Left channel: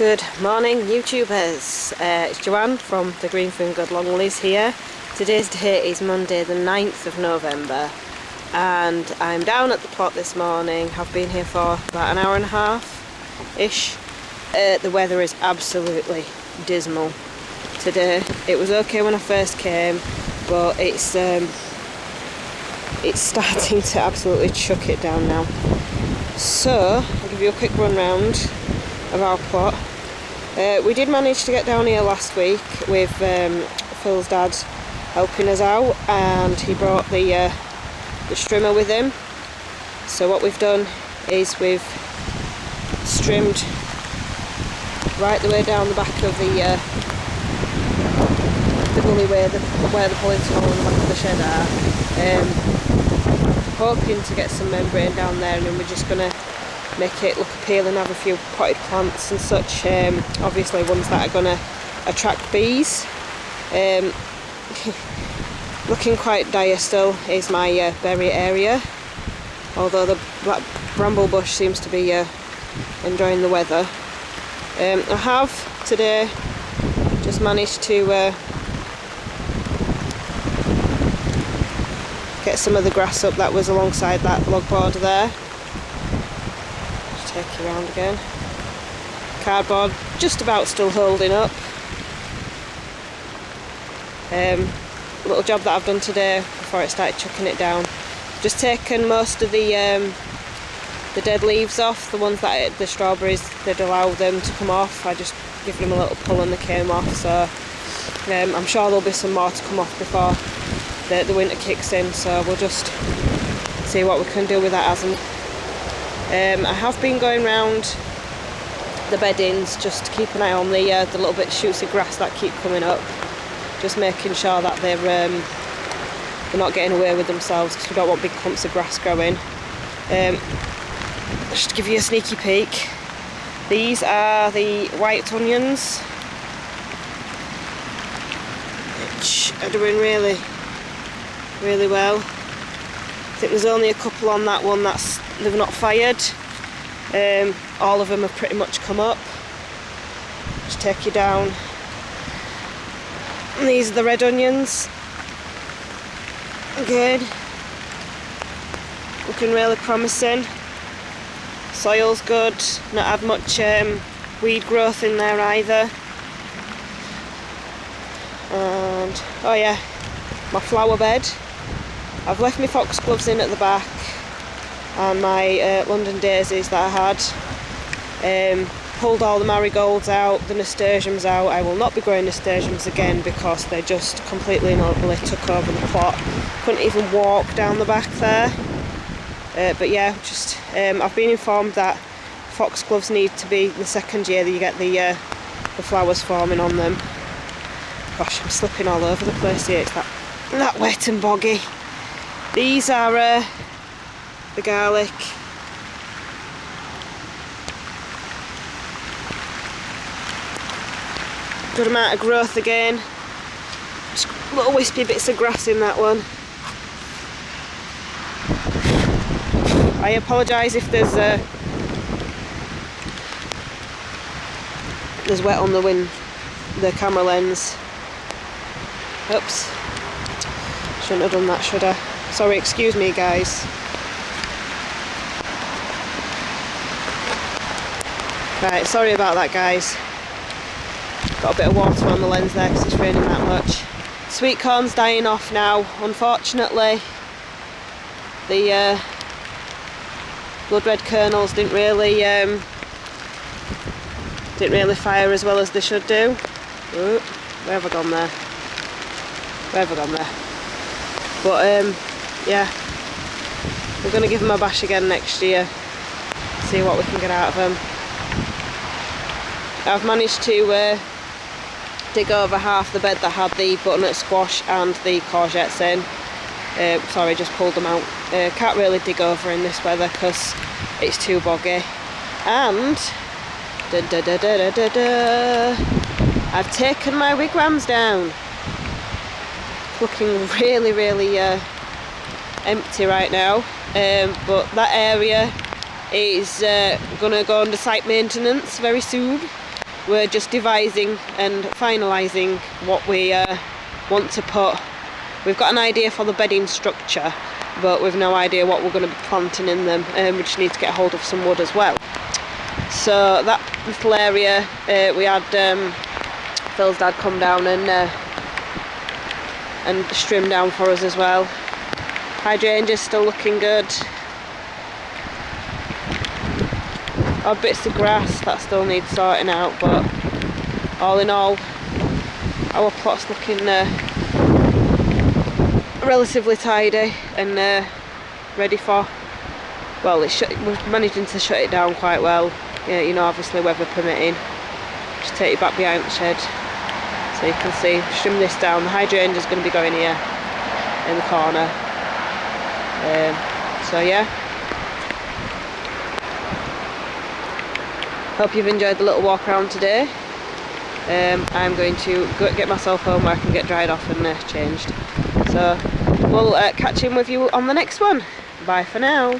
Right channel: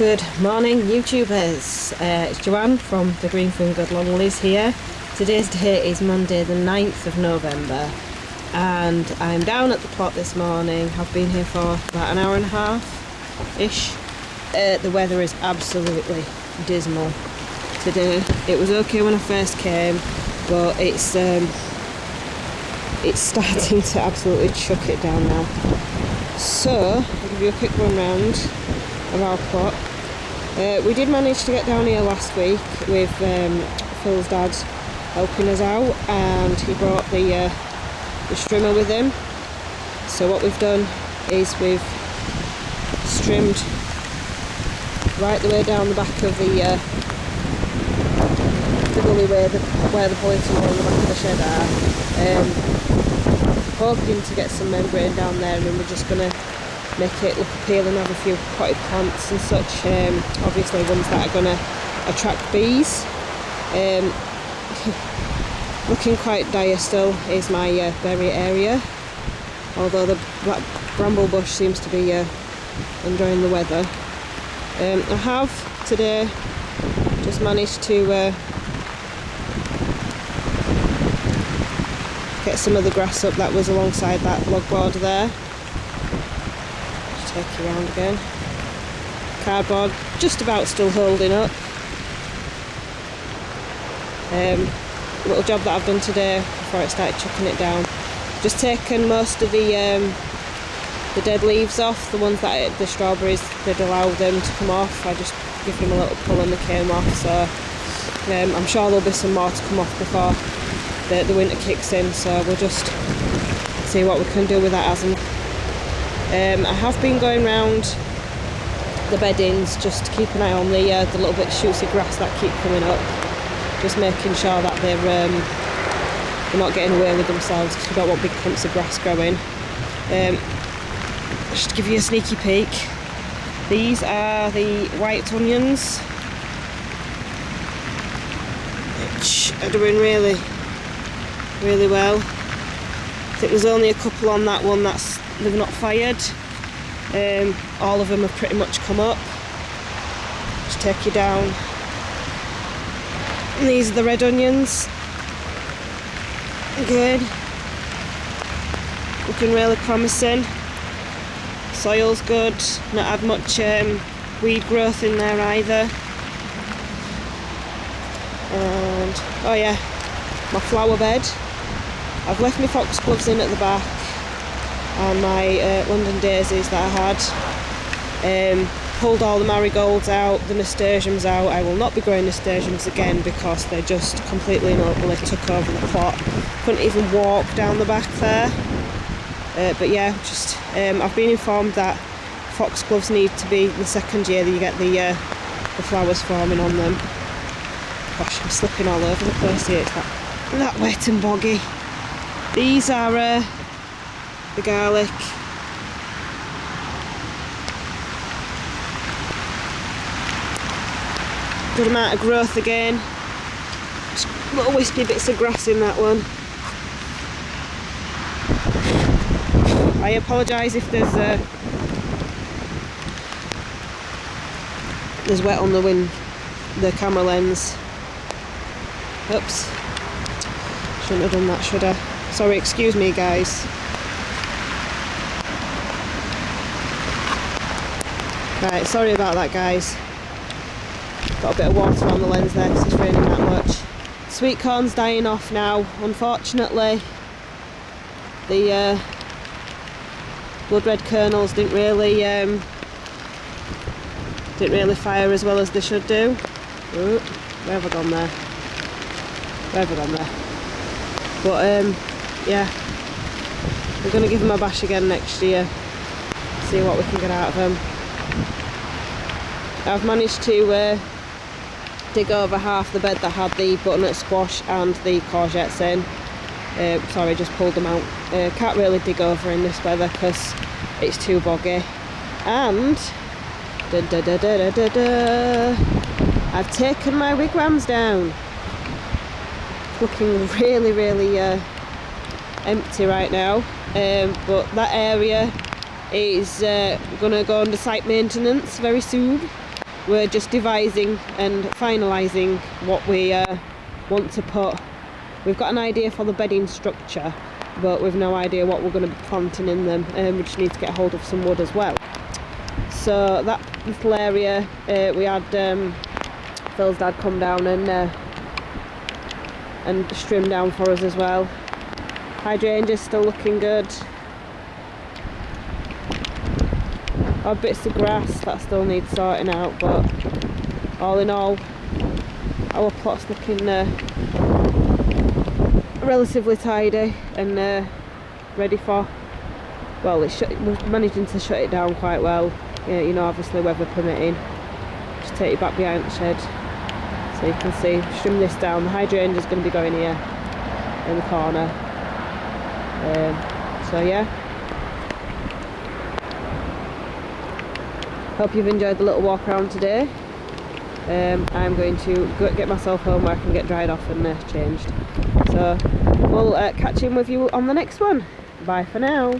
Good morning, YouTubers. It's Joanne from the Green Fingered Longlies here. Today's date is Monday the 9th of November and I'm down at the plot this morning. I've been here for about an hour and a half-ish. The weather is absolutely dismal today. It was okay when I first came, but it's starting to absolutely chuck it down now. So, I'll give you a quick run round of our plot. We did manage to get down here last week with Phil's dad helping us out, and he brought the strimmer with him. So what we've done is we've strimmed right the way down the back of the gully where the polytunnel and the back of the shed are, hoping to get some membrane down there, and then we're just going to make it look appealing, have a few potted plants and such, obviously ones that are going to attract bees. Looking quite dire still is my berry area, although the black bramble bush seems to be enjoying the weather. I have today just managed to get some of the grass up that was alongside that log border there. Just take you around again. Cardboard just about still holding up. Little job that I've done today before it started chucking it down. Just taken most of the dead leaves off, the ones that the strawberries, they'd allow them to come off. I just give them a little pull and they came off, so I'm sure there'll be some more to come off before the winter kicks in, so we'll just see what we can do with that as and I have been going round the beddings just to keep an eye on the little bit of shooty grass that keep coming up, just making sure that they're not getting away with themselves, because we don't want big clumps of grass growing. Just to give you a sneaky peek, these are the white onions, which are doing really well. I think there's only a couple on that one they've not fired. All of them have pretty much come up. Just take you down. And these are the red onions. Good. Looking really promising. Soil's good. Not had much weed growth in there either. And oh yeah, my flower bed. I've left my foxgloves in at the back and my London daisies that I had. Pulled all the marigolds out, the nasturtiums out. I will not be growing nasturtiums again because they just completely and utterly took over the plot. Couldn't even walk down the back there. But yeah, just I've been informed that foxgloves need to be the second year that you get the flowers forming on them. Gosh, I'm slipping all over the place here. It's that wet and boggy. These are the garlic. Good amount of growth again. Just little wispy bits of grass in that one. I apologise if there's wet on the camera lens. Oops. Shouldn't have done that, should I? Sorry, excuse me guys. Right, sorry about that guys. Got a bit of water on the lens there because it's raining that much. Sweet corn's dying off now, unfortunately. The blood red kernels didn't really fire as well as they should do. Ooh, where have I gone there? Where have I gone there? But yeah, we're going to give them a bash again next year, see what we can get out of them. I've managed to dig over half the bed that had the butternut squash and the courgettes in. Sorry, just pulled them out. Can't really dig over in this weather because it's too boggy. And I've taken my wigwams down. Looking really empty right now, but that area is going to go under site maintenance very soon. we're just devising and finalising what we want to put. We've got an idea for the bedding structure, but we've no idea what we're going to be planting in them. We just need to get hold of some wood as well. So that little area, we had Phil's dad come down and trim down for us as well. Hydrangea's still looking good. Odd bits of grass that still needs sorting out, but all in all, our plot's looking relatively tidy and ready for, well, we're managing to shut it down quite well. Yeah, you know, obviously weather permitting. Just take it back behind the shed so you can see. Trim this down. The hydrangea's going to be going here in the corner. So yeah. Hope you've enjoyed the little walk around today. I'm going to go get myself home where I can get dried off and changed. So we'll catch in with you on the next one. Bye for now.